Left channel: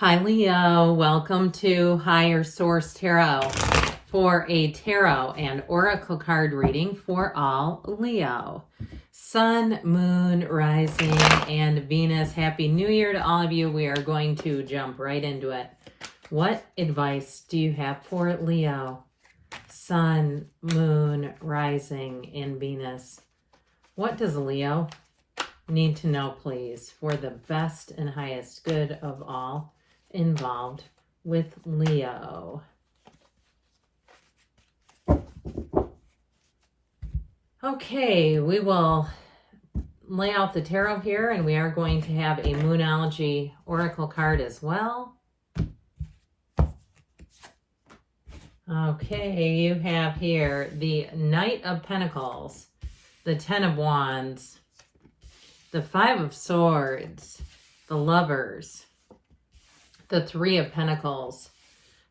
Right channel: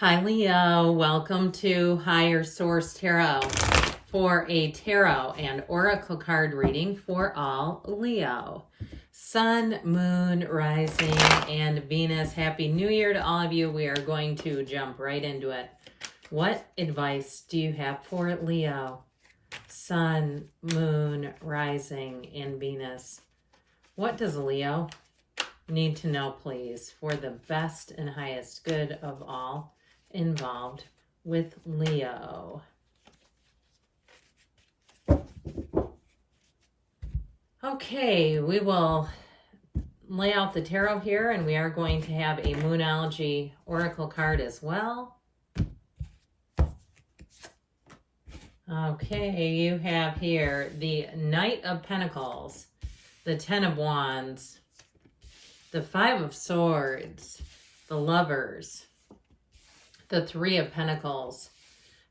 Hi Leo, welcome to Higher Source Tarot for a tarot and oracle card reading for all Leo. Sun, Moon, Rising, and Venus. Happy New Year to all of you. We are going to jump right into it. What advice do you have for Leo? Sun, Moon, Rising, and Venus. What does Leo need to know, please, for the best and highest good of all involved with Leo? Okay, we will lay out the tarot here, and we are going to have a Moonology oracle card as well. Okay, you have here the Knight of Pentacles, the Ten of Wands, the Five of Swords, the Lovers, the Three of Pentacles,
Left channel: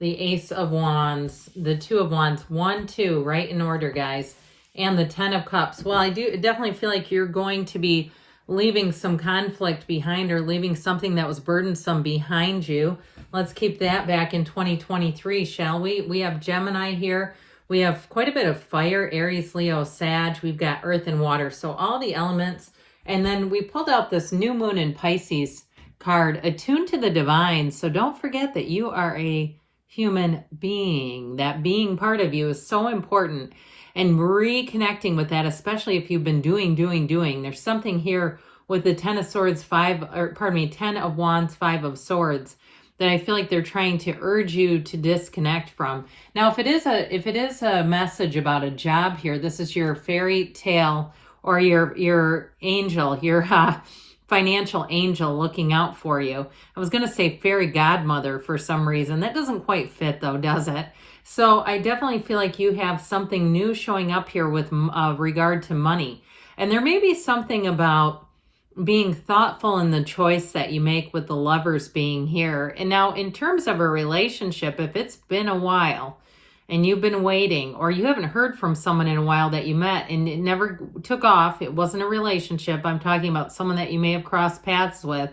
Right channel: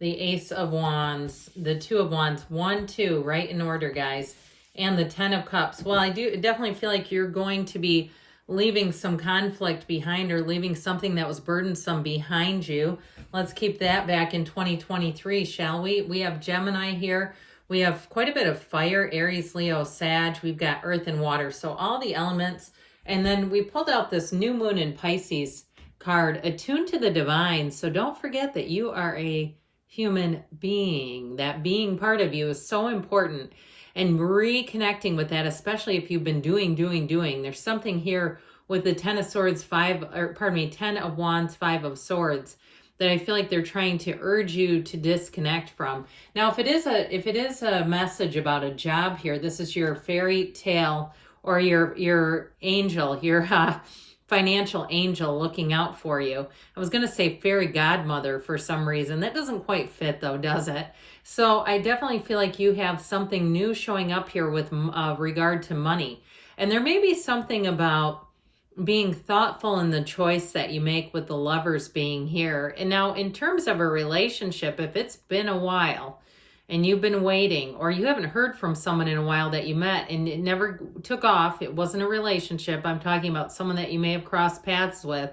the Ace of Wands, the Two of Wands, 1, 2, right in order, guys, and the Ten of Cups. Well, I do definitely feel like you're going to be leaving some conflict behind, or leaving something that was burdensome behind you. Let's keep that back in 2023, shall we? We have Gemini here. We have quite a bit of fire, Aries, Leo, Sag. We've got earth and water, so all the elements. And then we pulled out this new moon in Pisces card, attuned to the divine. So don't forget that you are a human being. That being part of you is so important, and reconnecting with that, especially if you've been doing. There's something here with the Ten of Swords, Ten of Wands, Five of Swords, that I feel like they're trying to urge you to disconnect from. Now, if it is a message about a job here, this is your fairy tale, or your angel, your financial angel looking out for you. I was going to say fairy godmother for some reason. That doesn't quite fit though, does it? So I definitely feel like you have something new showing up here with regard to money. And there may be something about being thoughtful in the choice that you make, with the Lovers being here. And now in terms of a relationship, if it's been a while and you've been waiting, or you haven't heard from someone in a while that you met and it never took off, it wasn't a relationship, I'm talking about someone that you may have crossed paths with,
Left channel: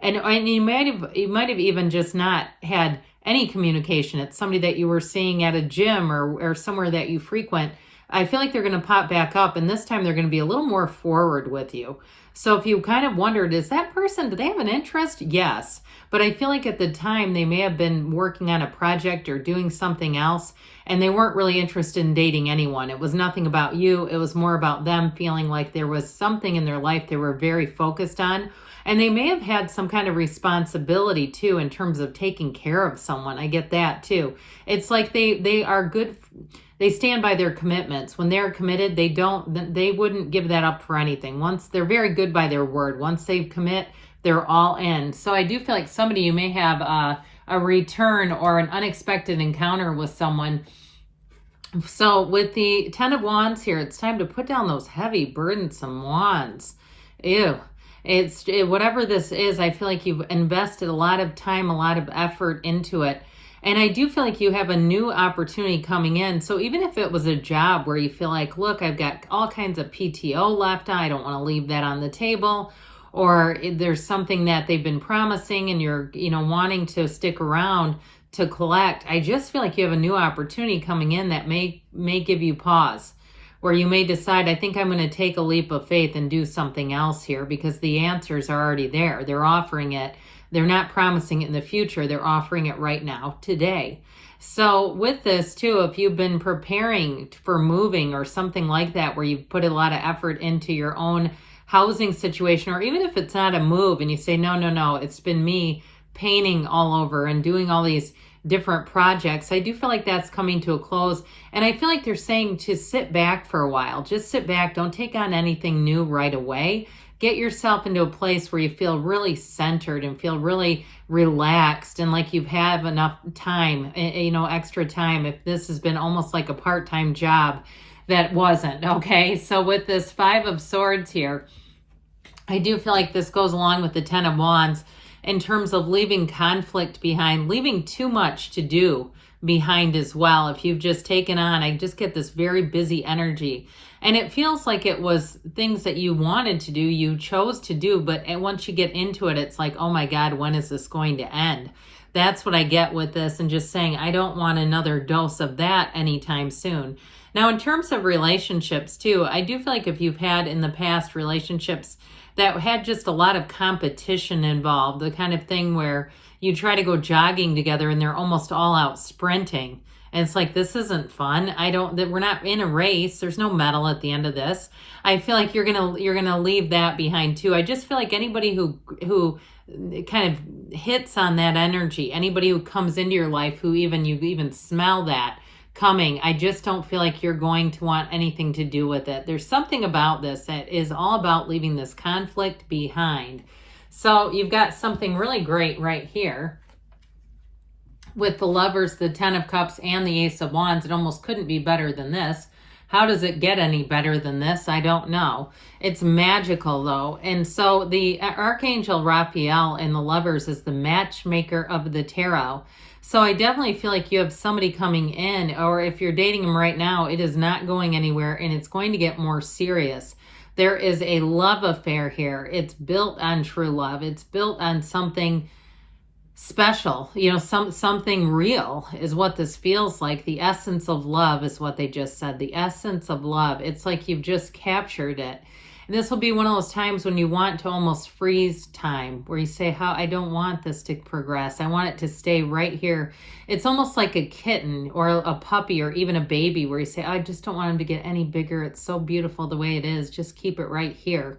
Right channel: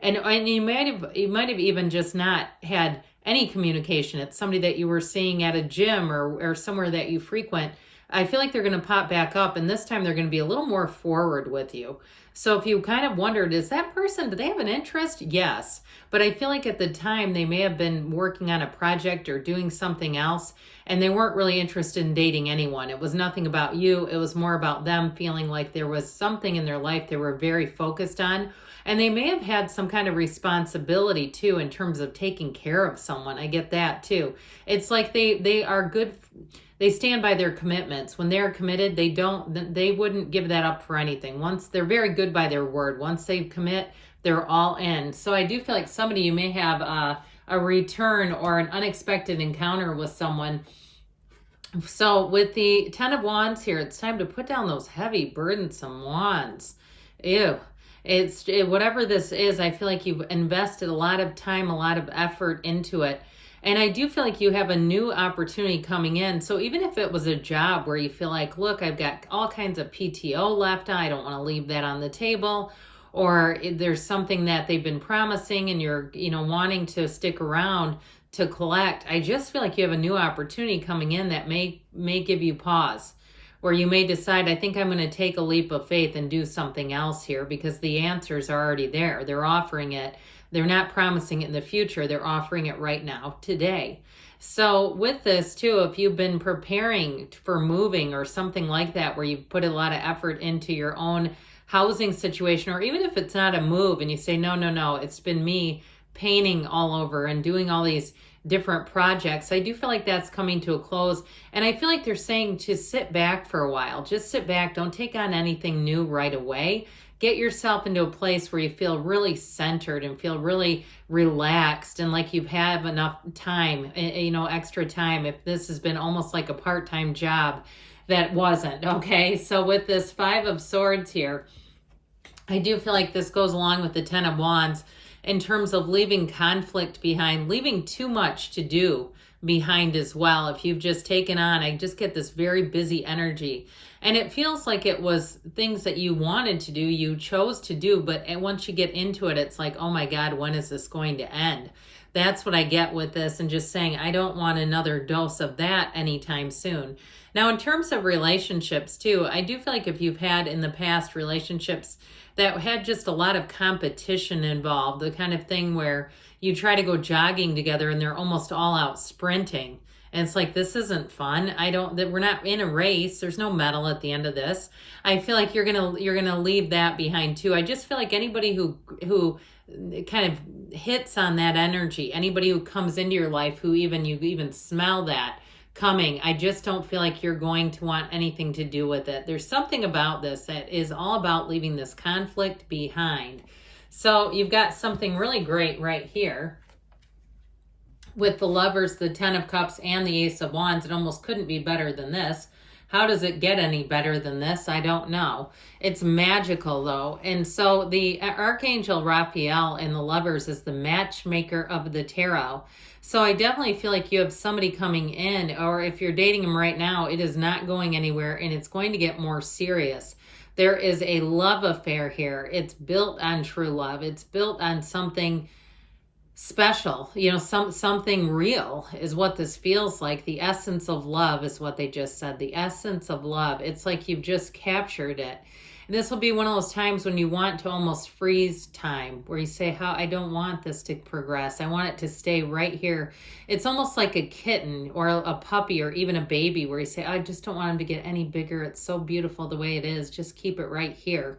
and you might have even just not had any communication. It's somebody that you were seeing at a gym or somewhere that you frequent. I feel like they're going to pop back up, and this time they're going to be a little more forward with you. So if you kind of wondered, is that person, do they have an interest? Yes. But I feel like at the time they may have been working on a project or doing something else, and they weren't really interested in dating anyone. It was nothing about you. It was more about them feeling like there was something in their life they were very focused on. And they may have had some kind of responsibility too, in terms of taking care of someone. I get that too. It's like they are good. They stand by their commitments. When they're committed, they wouldn't give that up for anything. Once they're very good by their word. Once they commit, they're all in. So I do feel like somebody, you may have a return or an unexpected encounter with someone. So with the Ten of Wands here, it's time to put down those heavy, burdensome wands. Ew. Whatever this is, I feel like you've invested a lot of time, a lot of effort into it. And I do feel like you have a new opportunity coming in. So even if it was a job where you feel like, look, I've got all kinds of PTO left on, I don't want to leave that on the table, or there's something that they've been promising and you're, wanting to stick around to collect, I just feel like you have a new opportunity coming in that may give you pause, where you may decide, I think I'm going to take a leap of faith and do something else here, because the answers are already there. They're offering it. They're not promising it in the future. They're offering it right now, today. So with this too, if you've been preparing for moving or something like that, where you've put a lot of effort into your own housing situation, or even if it's not a move and you say, no, it's been me painting all over and doing all these different projects, I do feel like that's coming to a close. And I feel like they're saying to sit back for a while. Just sit back. Don't take on anything new right away. Get yourself into a place where you feel really centered and feel really relaxed, and like you've had enough time, extra time, if this has been almost like a part-time job that wasn't. Okay, so with this Five of Swords here, I do feel like this goes along with the Ten of Wands in terms of leaving conflict behind, leaving too much to do behind as well. If you've just taken on, I just get this very busy energy. And it feels like it was things that you wanted to do, you chose to do, but once you get into it, it's like, oh my God, when is this going to end? That's what I get with this, and just saying, I don't want another dose of that anytime soon. Now, in terms of relationships too, I do feel like if you've had in the past relationships that had just a lot of competition involved, the kind of thing where you try to go jogging together and they're almost all out sprinting. And it's like, this isn't fun. We're not in a race. There's no medal at the end of this. I feel like you're gonna leave that behind too. I just feel like anybody who kind of hits on that energy, anybody who comes into your life who you even smell that coming, I just don't feel like you're going to want anything to do with it. There's something about this that is all about leaving this conflict behind. So you've got something really great right here with the Lovers, the Ten of Cups, and the Ace of Wands. It almost couldn't be better than this. How does it get any better than this? I don't know. It's magical though. And so the Archangel Raphael in the Lovers is the matchmaker of the tarot. So I definitely feel like you have somebody coming in, or if you're dating them right now, it is not going anywhere and it's going to get more serious. There is a love affair here. It's built on true love. It's built on something special, something real is what this feels like. The essence of love is what they just said. The essence of love. It's like you've just captured it. And this will be one of those times when you want to almost freeze time, where you say, I don't want this to progress. I want it to stay right here. It's almost like a kitten or a puppy or even a baby, where you say, I just don't want him to get any bigger. It's so beautiful the way it is. Just keep it right here.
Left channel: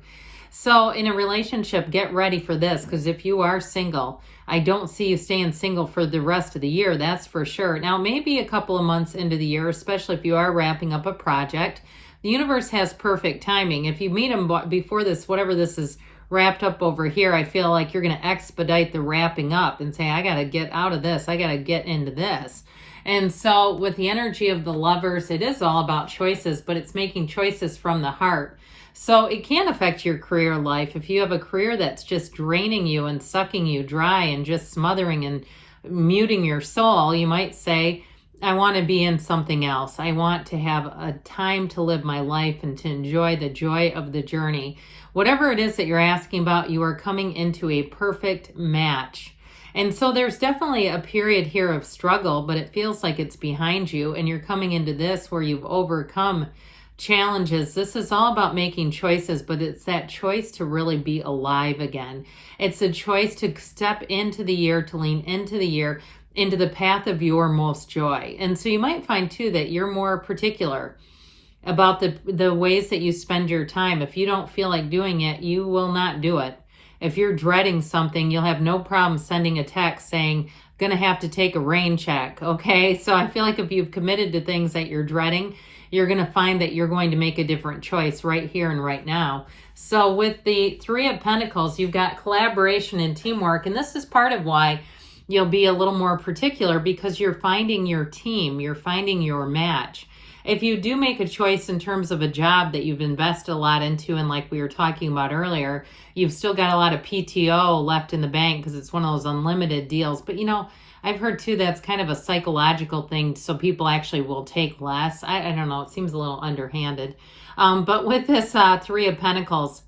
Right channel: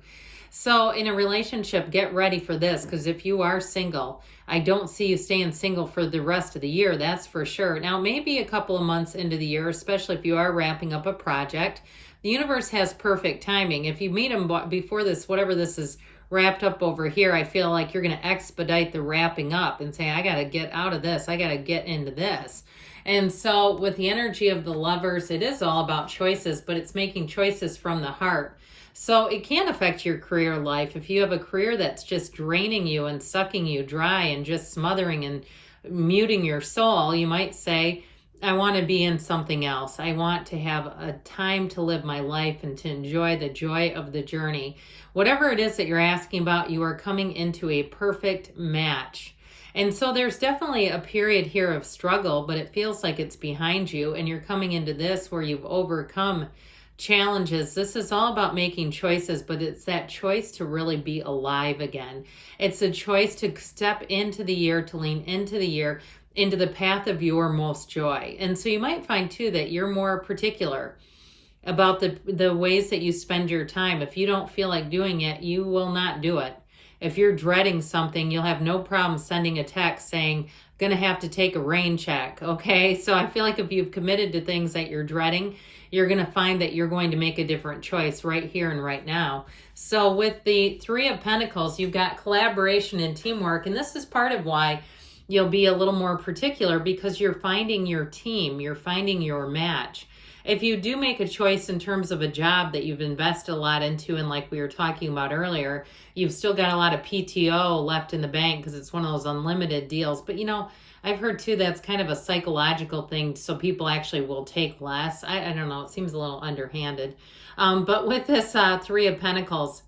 So in a relationship, get ready for this, because if you are single, I don't see you staying single for the rest of the year, that's for sure. Now, maybe a couple of months into the year, especially if you are wrapping up a project, the universe has perfect timing. If you meet them before this, whatever this is wrapped up over here, I feel like you're going to expedite the wrapping up and say, I got to get out of this. I got to get into this. And so with the energy of the Lovers, it is all about choices, but it's making choices from the heart. So it can affect your career life. If you have a career that's just draining you and sucking you dry and just smothering and muting your soul, you might say, I want to be in something else. I want to have a time to live my life and to enjoy the joy of the journey. Whatever it is that you're asking about, you are coming into a perfect match. And so there's definitely a period here of struggle, but it feels like it's behind you and you're coming into this where you've overcome challenges. This is all about making choices, but it's that choice to really be alive again. It's a choice to step into the year, to lean into the year, into the path of your most joy. And so you might find too that you're more particular about the ways that you spend your time. If you don't feel like doing it, you will not do it. If you're dreading something, you'll have no problem sending a text saying, gonna have to take a rain check, okay? So I feel like if you've committed to things that you're dreading, you're gonna find that you're going to make a different choice right here and right now. So with the Three of Pentacles, you've got collaboration and teamwork, and this is part of why you'll be a little more particular, because you're finding your team, you're finding your match. If you do make a choice in terms of a job that you've invested a lot into, and like we were talking about earlier, you've still got a lot of PTO left in the bank because it's one of those unlimited deals. But I've heard too that's kind of a psychological thing, so people actually will take less. I don't know, it seems a little underhanded. But with this Three of Pentacles,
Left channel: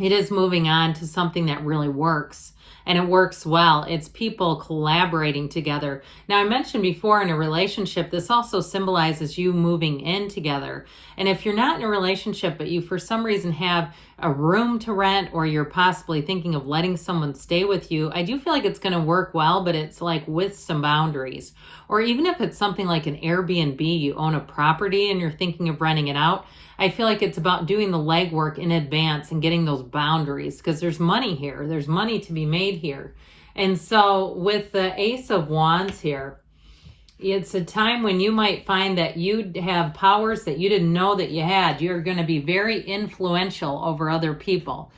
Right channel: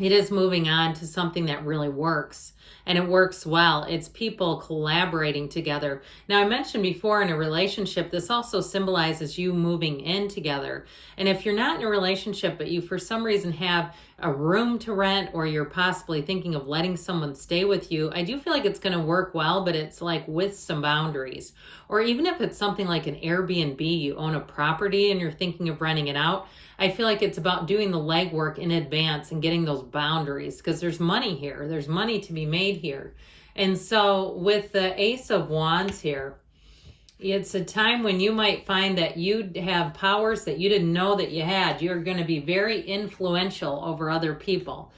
it is moving on to something that really works. And it works well. It's people collaborating together. Now, I mentioned before, in a relationship, this also symbolizes you moving in together. And if you're not in a relationship, but you for some reason have a room to rent, or you're possibly thinking of letting someone stay with you, I do feel like it's going to work well, but it's like with some boundaries. Or even if it's something like an Airbnb, you own a property and you're thinking of renting it out, I feel like it's about doing the legwork in advance and getting those boundaries, because there's money here. There's money to be made here. And so with the Ace of Wands here, it's a time when you might find that you have powers that you didn't know that you had. You're going to be very influential over other people.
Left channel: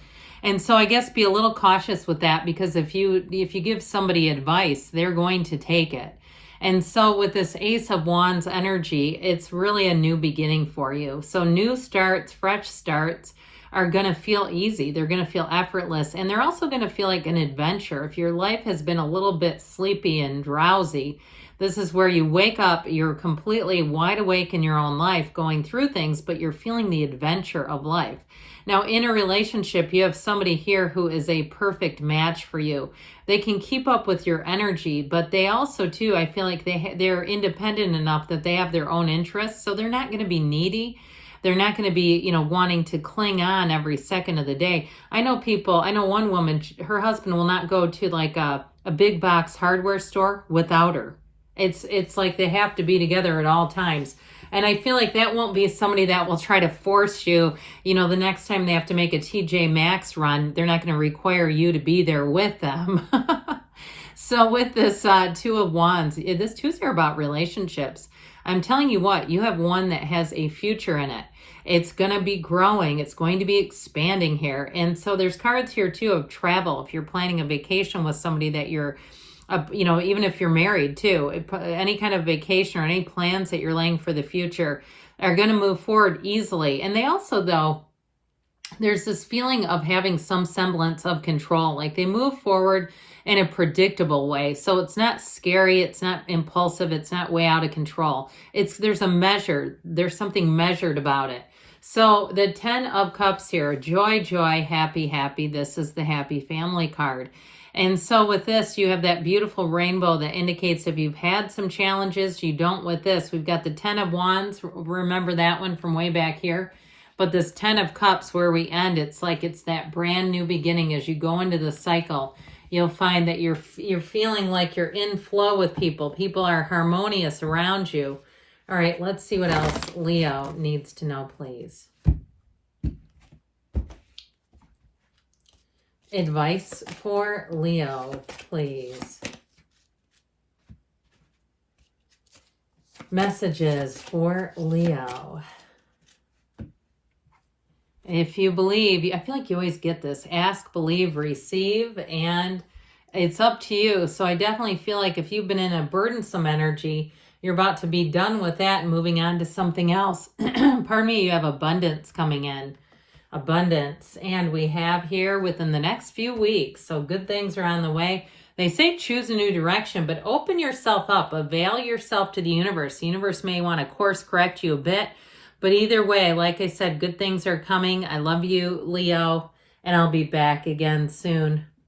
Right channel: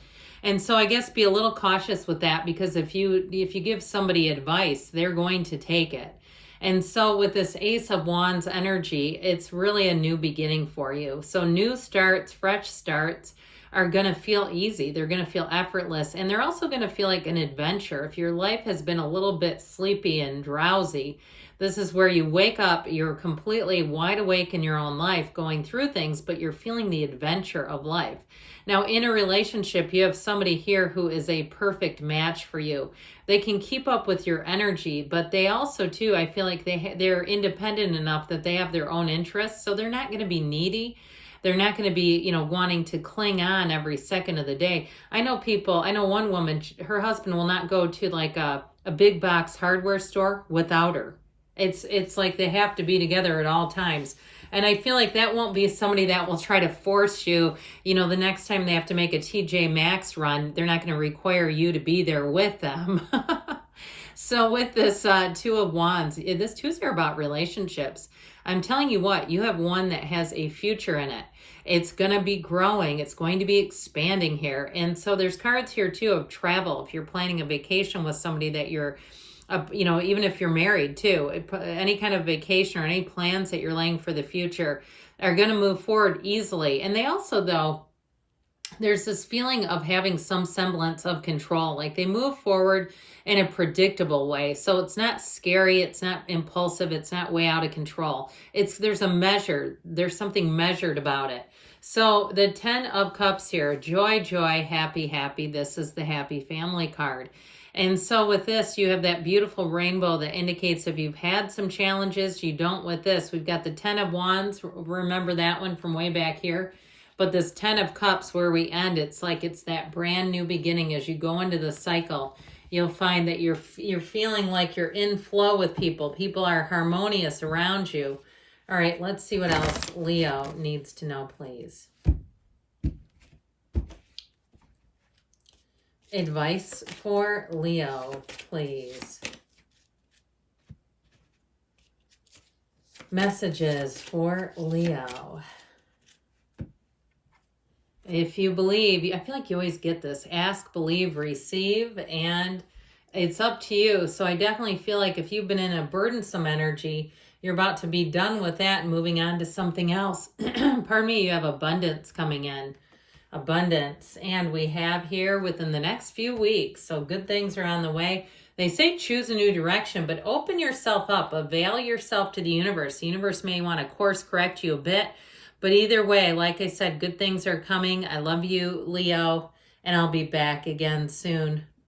And so I guess be a little cautious with that, because if you give somebody advice, they're going to take it. And so with this Ace of Wands energy, it's really a new beginning for you. So new starts, fresh starts are going to feel easy. They're going to feel effortless. And they're also going to feel like an adventure. If your life has been a little bit sleepy and drowsy, This is where you wake up, you're completely wide awake in your own life, going through things, but you're feeling the adventure of life. Now, in a relationship, you have somebody here who is a perfect match for you. They can keep up with your energy, but they also, too, I feel like they're independent enough that they have their own interests, so they're not going to be needy. They're not going to be, wanting to cling on every second of the day. I know one woman, her husband will not go to like a big box hardware store without her. It's like they have to be together at all times. And I feel like that won't be somebody that will try to force you, the next time they have to make a TJ Maxx run, they're not going to require you to be there with them. So with this Two of Wands, this twos are about relationships. I'm telling you what, you have one that has a future in it. It's going to be growing. It's going to be expanding here. And so there's cards here too of travel. If you're planning a vacation with somebody that you're, even if you're married too, any kind of vacation or any plans that you're laying for the future are going to move forward easily. And they also, though, there's this feeling of having some semblance of control. Like they move forward in a predictable way. So it's not scary. It's not impulsive. It's not way out of control. There's something measured about it. So the 10 of Cups here, joy, joy, happy, happy. This is the happy family card. And so with this, you have that beautiful rainbow that indicates if you've had some challenges, you don't with this. We've got the 10 of Wands. Remember that one from way back here. But this 10 of Cups where we end, it's like it's that brand new beginning. As you go into the cycle, you'll find that you're feeling like you're in flow with people. People are harmonious around you. All right, let's see what else Leo needs to know, please. Advice for Leo, please. Messages for Leo. If you believe, I feel like you always get this. Ask, believe, receive, and it's up to you. So I definitely feel like if you've been in a burdensome energy, you're about to be done with that and moving on to something else. Pardon me, you have abundance coming in. Abundance. And we have here within the next few weeks, so good things are on the way. They say choose a new direction, but open yourself up. Avail yourself to the universe. The universe may want to course correct you a bit, but either way, like I said, good things are coming. I love you, Leo, and I'll be back again soon.